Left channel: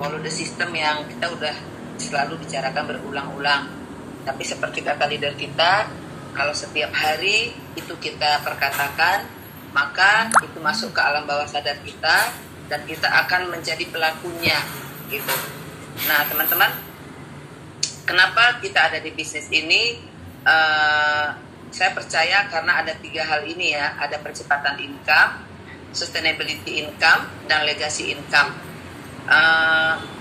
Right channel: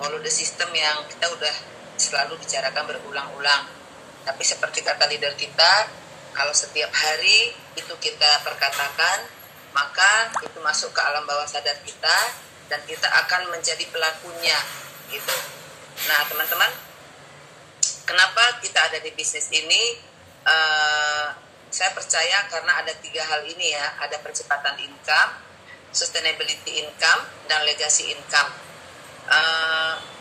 follow the system yang kita udah selalu bicarakan berulang-ulang. Tapi seperti kata leader kita, kalau setiap hari itu kita perkatakan, maka itu masuk ke alam bawah sadar kita dan kita akan menjadi pelakunya gitu. Nah teman-teman, kenapa kita ada di bisnis ini? Saya percaya karena ada 3 hal ini ya, ada percepatan income, sustainability income, dan legacy income.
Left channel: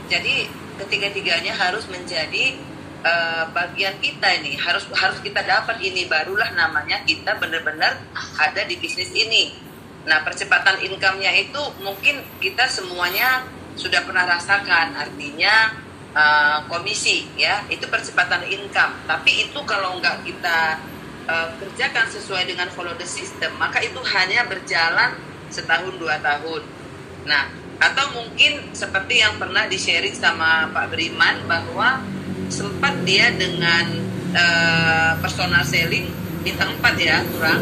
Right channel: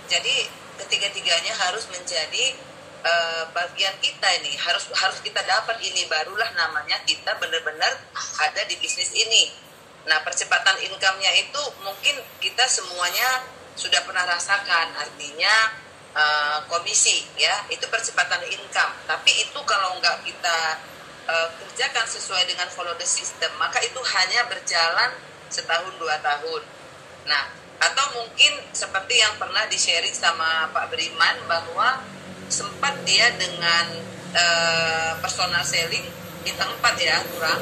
Jadi ketiga-tiganya harus menjadi bagian kita ini, harus kita dapat ini, barulah namanya kita benar-benar ada di bisnis ini. Nah percepatan income-nya itu mungkin kita semuanya sudah pernah rasakan, artinya komisi ya, itu percepatan income. Tapi itu kalau nggak kita kerjakan sesuai dengan follow the system, maka itu hanya berjalan setahun 2 tahun. Nah, atau mungkin seperti yang pernah di-sharing sama Pak Beriman bahwa sempat dia dengan personal selling di tempat ya kurang,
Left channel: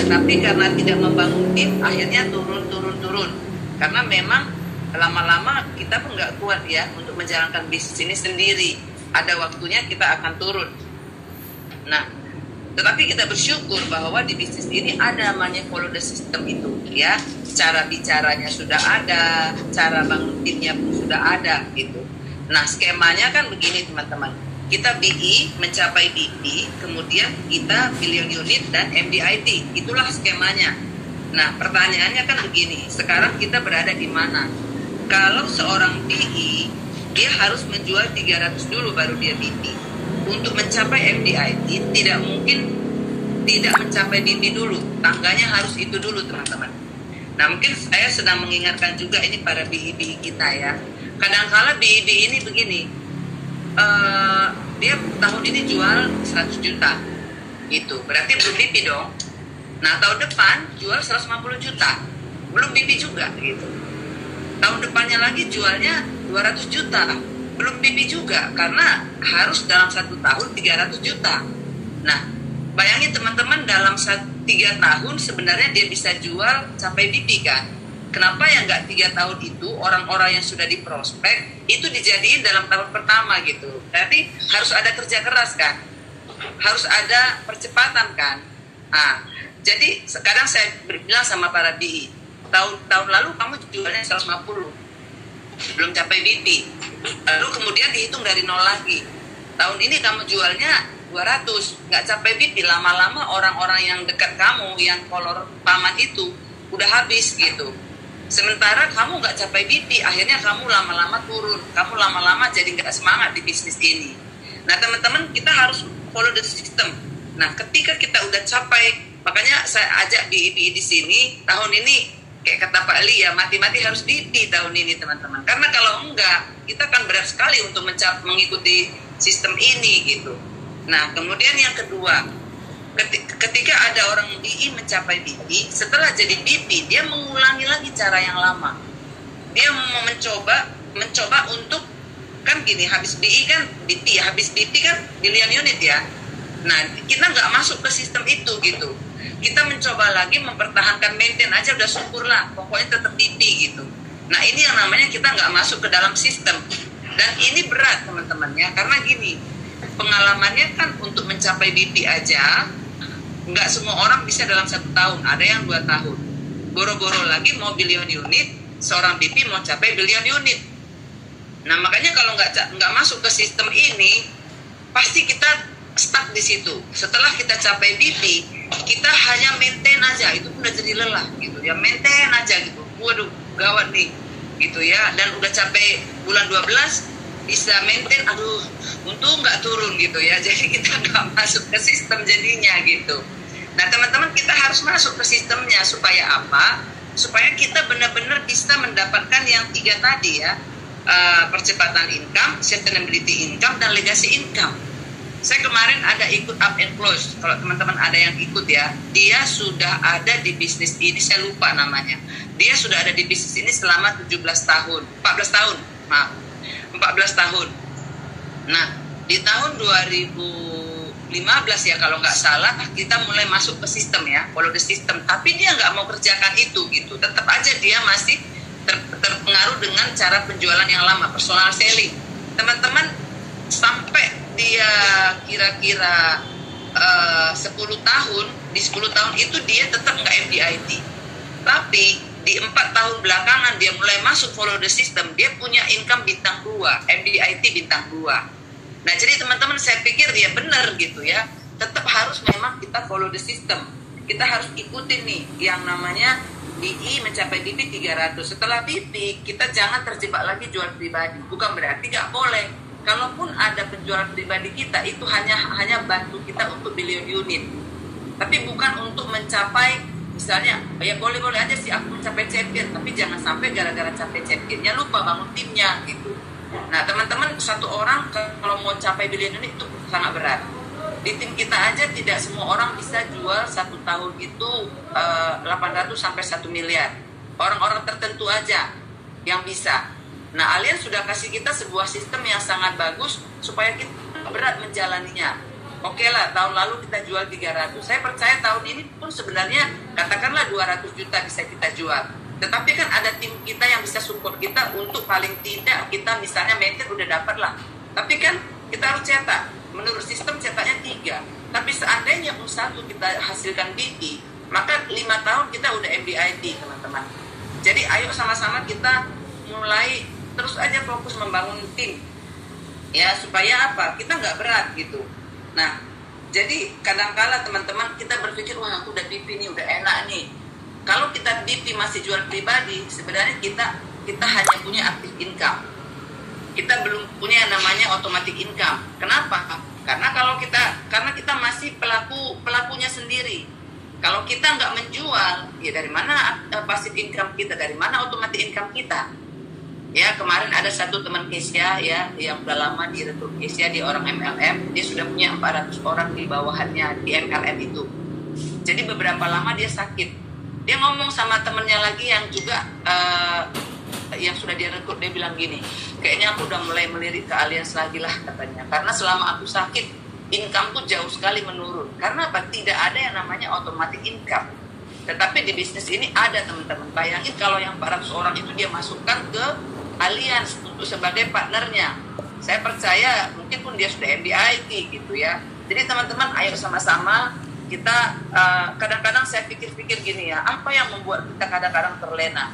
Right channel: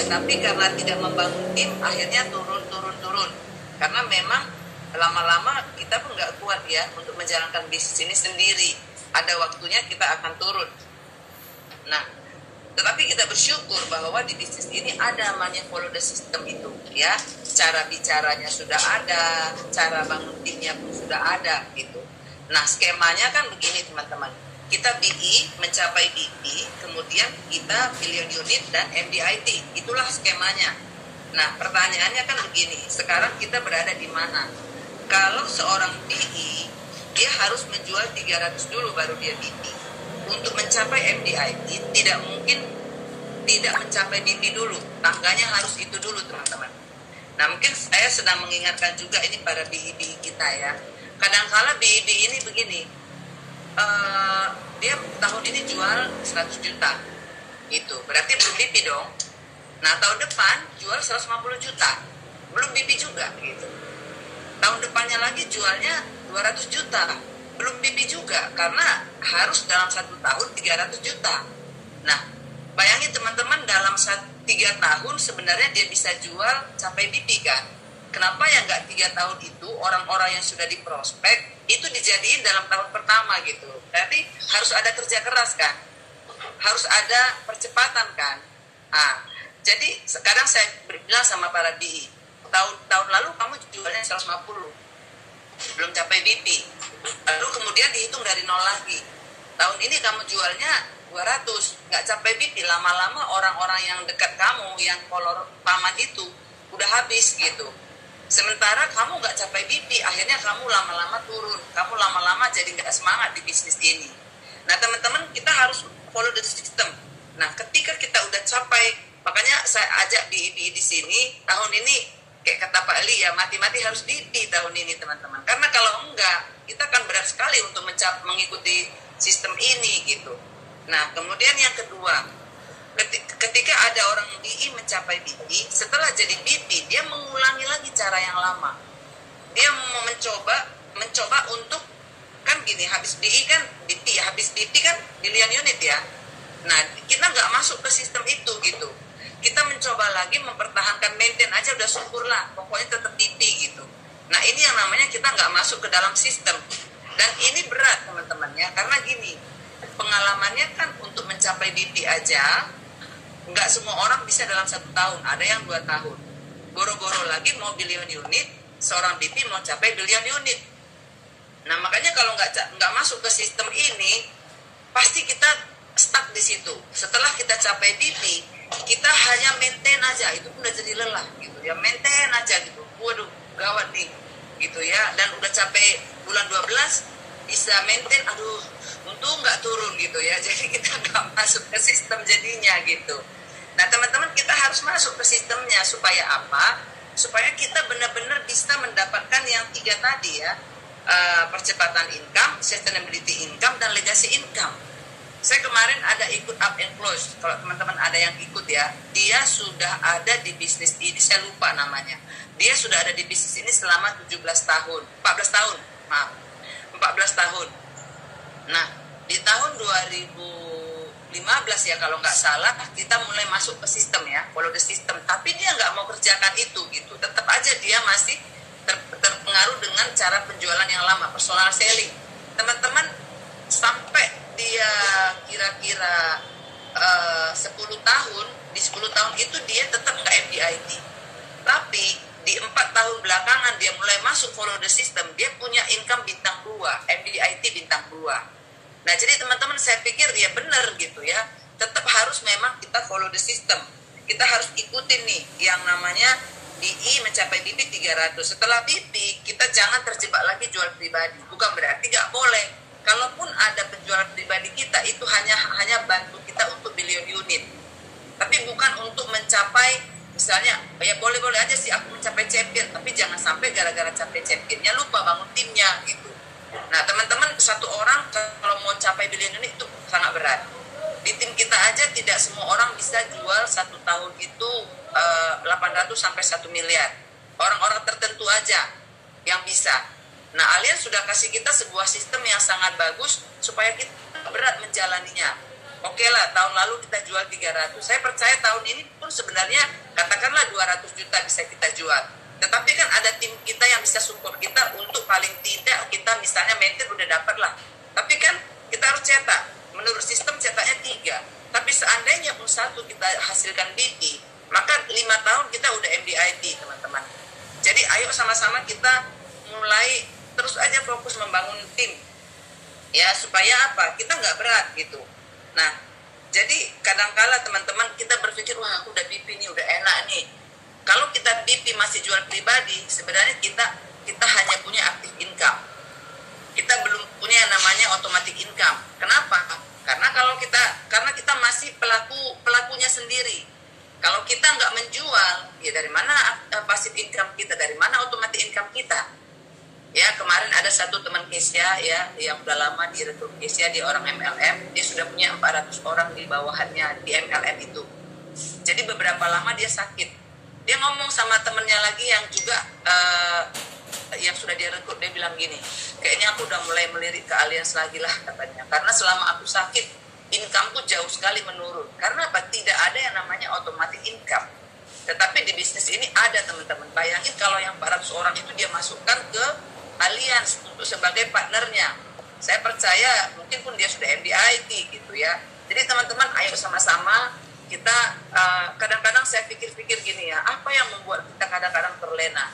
tetapi karena tidak membangun tim akhirnya turun. Karena memang lama-lama kita pun nggak kuat ya untuk menjalankan bisnis ini sendiri. Ada waktunya kita akan turun. Nah, tetapi kita bersyukur bahwa di bisnis ini ada namanya follow the system itu ya. Cara bicaranya sudah ada, cara bangun timnya pun sudah ada gitu. Nah skemanya kan begini teman-teman. Kita BI mencapai BP, kemudian kita billion unit dan MDIT. Itulah skemanya. Nah pertanyaannya kan begini, sekarang kita berada di mana? Kalau seorang BI, dia harus menjual 300 dulu baru dia BP. Untuk mencapai MDIT tidak mungkin tidak mencapai BP dulu, tangganya harus itu dulu teman-teman. Nah mungkin saya sedang mengingatkan juga ini pada BI kita ya. Kadang-kala BI ini begini, dia tahun ini jual 100 juta gitu, berarti belum BP dong. Nah tahun depan jual 150 juta, belum BP juga gitu. Tahun depannya lagi jualnya 200 juta, belum BP juga, karena harus dalam 1 tahun 300 juta. Nah, bayangin teman-teman, dalam 3 tahun sebenarnya dia bisa jual sampai BP kan. Kenapa yang nggak 3 tahun itu orang-orang yang sudah di prospek itu dijadiin dalam tahun pertama gitu. Berarti harus ada kerja keras kan, harus ada percepatan kan. Nah, jadi sekarang saya bilang sama para BI, tahun lalu kamu jualnya 150, belum capai BP. Lalu kemudian dihitung dari 0 lagi. Tahun ini kamu jualnya 200, nggak capai BP. Lama-lama orang-orang yang dekat kamu, yang follower paman itu udah habis gitu. Sementara kamu nggak capai BP, akhirnya kamu lama-lama turun. Kamu lama-lama jadi nggak semangat di bisnis ini. Nah teman-teman, kita harus follow the system. Nah ketika kita udah capai, makanya saya ajak BI di sini tahun ini. Kayak kata Pak Li ya, mati-mati harus BP tahun ini teman-teman. Karena kalau enggak, kita akan berat sekali untuk mengikuti sistem ini gitu. Nah, kemudian yang kedua, ketika ada orang BI mencapai BP, setelah jadi BP, dia mengulangi lagi cara yang lama. Dia mau mencoba untuk, kan gini, habis BI kan BP, habis BP kan billion unit ya. Nah, kita nggak masuk ke sistem itu gitu. Kita mencoba lagi mempertahankan, maintain aja udah syukur lah, pokoknya tetap BP gitu. Nah ini yang namanya kita nggak masuk ke dalam sistem. Dan ini berat teman-teman ya, karena gini, pengalamannya kan untuk mencapai BP aja nggak semua orang bisa dalam 1 tahun, ada yang 2 tahun. Boro-boro lagi mau billion unit, seorang BP mau capai billion unit. Nah makanya kalau nggak masuk ke sistem ini, pasti kita stuck di situ. Setelah kita capai BP, kita hanya maintain aja, itu udah jadi lelah gitu ya, maintain aja gitu. Waduh gawat nih gitu ya, dan udah capek bulan 12 bisa maintain, aduh untung nggak turun gitu ya. Jadi kita nggak masuk ke sistem jadinya gitu. Nah teman-teman, kita harus masuk ke sistemnya supaya apa? Supaya kita benar-benar bisa mendapatkan yang 3 tadi ya, percepatan income, sustainability income, dan legacy income. Saya kemarin ada ikut up and close. Kalau teman-teman ada yang ikut ya, dia sudah ada di bisnis ini, saya lupa namanya. Dia sudah ada di bisnis ini selama 14 tahun. Nah, di tahun 2015 ya kalau nggak salah, kita mulai masuk ke sistem ya, follow the system. Tapi dia nggak mau kerjakan itu gitu. Tetap aja dia masih terpengaruh dengan cara penjualan yang lama, personal selling. Teman-teman, sampai dia kira-kira 10 tahun, di 10 tahun itu dia tetap nggak MDIT. Tapi di 4 tahun belakangan dia mulai masuk follow the system, dia punya income bintang 2, MDIT bintang 2. Nah, jadi teman-teman, saya pikir ya benar gitu ya. Tetap harus memang kita follow the system. Kita harus ikutin nih yang namanya BI mencapai BP 300. Setelah BP, kita jangan terjebak lagi jual pribadi. Bukan berarti nggak boleh. Kalaupun ada penjualan pribadi kita, itu hanya bantu kita untuk billion unit. Tapi bukan untuk mencapai, misalnya, ya boleh-boleh aja sih aku mencapai champion, tapi jangan sampai gara-gara capai championnya lupa bangun timnya gitu. Nah, teman-teman, satu orang kalau mau capai billion unit itu sangat berat. Di tim kita aja tidak semua orang bisa jual satu tahun itu 800 sampai 1 miliar. Orang-orang tertentu aja yang bisa. Nah, Allianz sudah kasih kita sebuah sistem yang sangat bagus supaya kita berat menjalaninya. Oke lah, tahun lalu kita jual 300. Saya percaya tahun ini pun sebenarnya katakanlah 200 juta bisa kita jual. Tetapi kan ada tim kita yang bisa support kita untuk paling tidak kita misalnya maintain udah dapat lah. Tapi kan kita harus cetak. Menurut sistem cetaknya 3. Tapi seandainya satu kita hasilkan BP, maka 5 tahun kita udah MDIT, teman-teman. Jadi ayo sama-sama kita mulai terus aja fokus membangun tim. Ya, supaya apa? Kita nggak berat gitu. Nah, jadi kadang-kala teman-teman kita berpikir, wah aku udah BP nih, udah enak nih. Kalau kita BP masih jual pribadi, sebenarnya kita hanya punya active income. Kita belum punya yang namanya automatic income. Kenapa? Karena kita masih pelakunya sendiri. Kalau kita nggak menjual, ya dari mana passive income kita? Dari mana automatic income kita? Ya, kemarin ada satu teman Kesia ya yang udah lama direkrut Kesia, di orang MLM, dia sudah punya 400 orang di bawahannya di MLM itu. Jadi beberapa lama dia sakit. Dia ngomong sama temennya lagi yang juga yang sudah dia rekrut, dia bilang gini, kayaknya aku udah mulai melirik ke Allianz lagi lah katanya, karena selama aku sakit income tuh jauh sekali menurun. Karena apa? Tidak ada yang namanya automatic income. Tetapi di bisnis ini ada, teman-teman. Bayangin kalau yang 400 orang itu dia masukkan ke Allianz untuk sebagai partnernya. Saya percaya mungkin pun dia sudah MDIT gitu ya. Jadi teman-teman, ayo sama-sama kita, kadang-kadang saya pikir-pikir gini ya, apa yang membuat kita kadang-kadang terlena?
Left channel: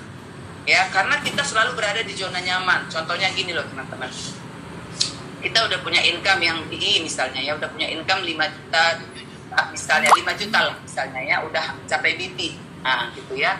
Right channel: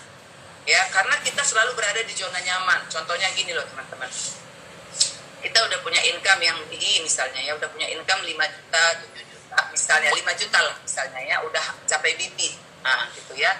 Ya, karena kita selalu berada di zona nyaman. Contohnya gini loh teman-teman. Kita udah punya income yang tinggi misalnya ya, udah punya income 5 juta, 7 juta, misalnya 5 juta lah misalnya ya, udah capai BP. Nah, gitu ya.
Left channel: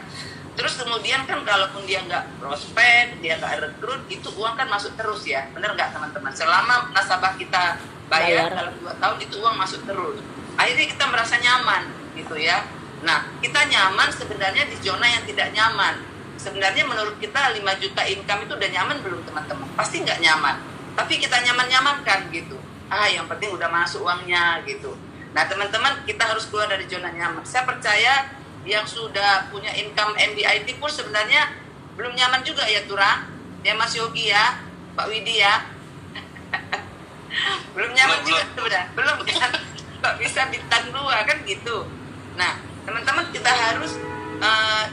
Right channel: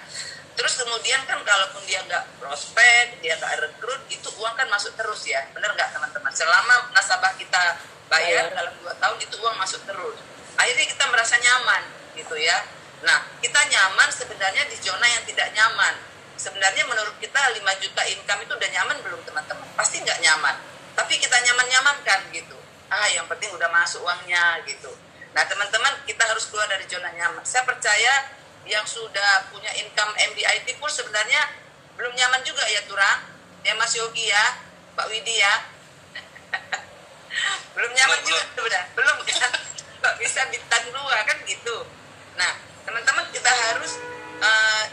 Terus kemudian kan kalaupun dia nggak prospek, dia nggak rekrut, itu uang kan masuk terus ya. Bener nggak teman-teman? Selama nasabah kita bayar dalam 2 tahun, itu uang masuk terus. Akhirnya kita merasa nyaman gitu ya. Nah, kita nyaman sebenarnya di zona yang tidak nyaman. Sebenarnya menurut kita 5 juta income itu udah nyaman belum teman-teman? Pasti nggak nyaman. Tapi kita nyaman-nyamankan gitu. Yang penting udah masuk uangnya gitu. Nah teman-teman, kita harus keluar dari zona nyaman. Saya percaya yang sudah punya income MDIT pun sebenarnya belum nyaman juga ya Turang. Ya Mas Yogi ya, Pak Widi ya. Belum nyaman juga sudah. Belum kan? Kok bisa bintang 2 kan gitu. Nah teman-teman, kita harus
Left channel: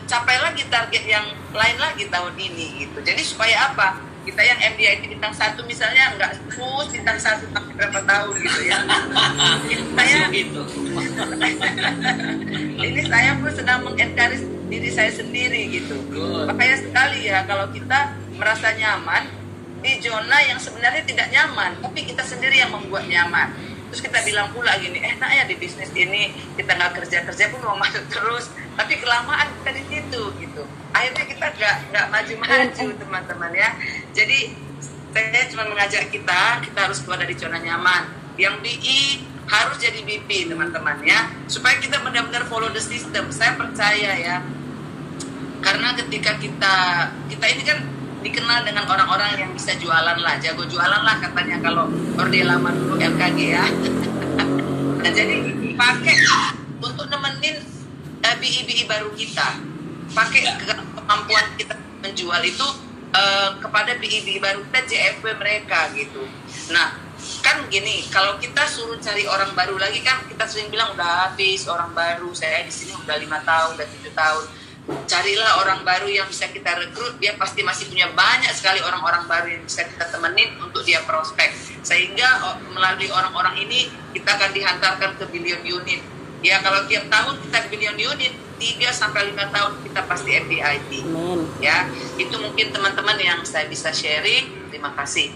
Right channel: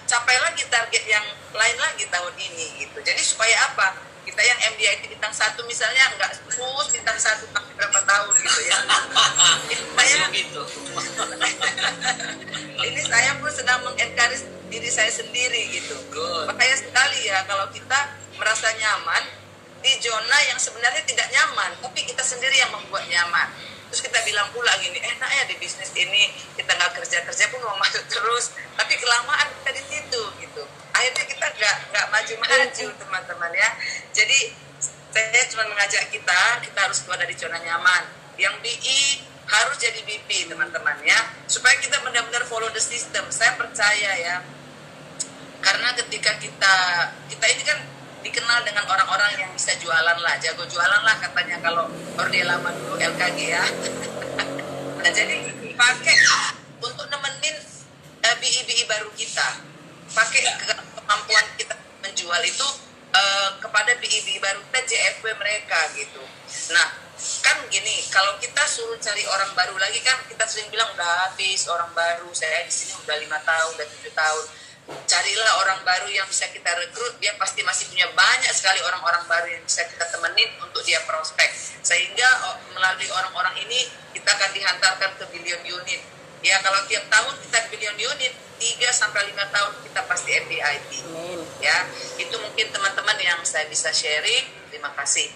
capai lagi target yang lain lagi tahun ini gitu. Jadi supaya apa? Kita yang MDIT bintang 1 misalnya nggak terus bintang 1 sampai berapa tahun gitu ya. Saya gitu. Ini saya pun sedang mengencourage diri saya sendiri gitu. Makanya sekali ya kalau kita merasa nyaman di zona yang sebenarnya tidak nyaman, tapi kita sendiri yang membuat nyaman. Terus kita bilang pula gini, enak ya di bisnis ini, kita nggak kerja pun mau masuk terus, tapi kelamaan kita di situ gitu. Akhirnya kita nggak maju-maju teman-teman ya. Jadi saya cuma mengajak kita harus keluar dari zona nyaman. Yang BI harus jadi BP teman-teman ya, supaya kita benar-benar follow the system. Saya percaya ya, karena ketika kita ini kan dikenal dengan orang-orang yang bisa jualan lah, jago jualan lah katanya kalau orde lama dulu LKG ya. Nah jadi pakai untuk nemenin BI baru kita, pakai kemampuan kita menjual itu kepada BI baru kita, JFB mereka gitu. Nah kan gini, kalau kita suruh cari orang baru lagi kan kita sering bilang udah habis orang baru, saya di sini udah 5 tahun, udah 7 tahun. carilah orang baru yang bisa kita rekrut. Dia pasti masih punya banyak sekali orang-orang baru yang bisa kita temenin untuk dia prospek, sehingga melalui orang-orang ini kita akan dihantarkan ke billion unit. Ya, kalau tiap tahun kita billion unit, 3-5 tahun kita pasti FDIT. Ya, itu mungkin teman-teman yang saya bisa sharing. Terima kasih.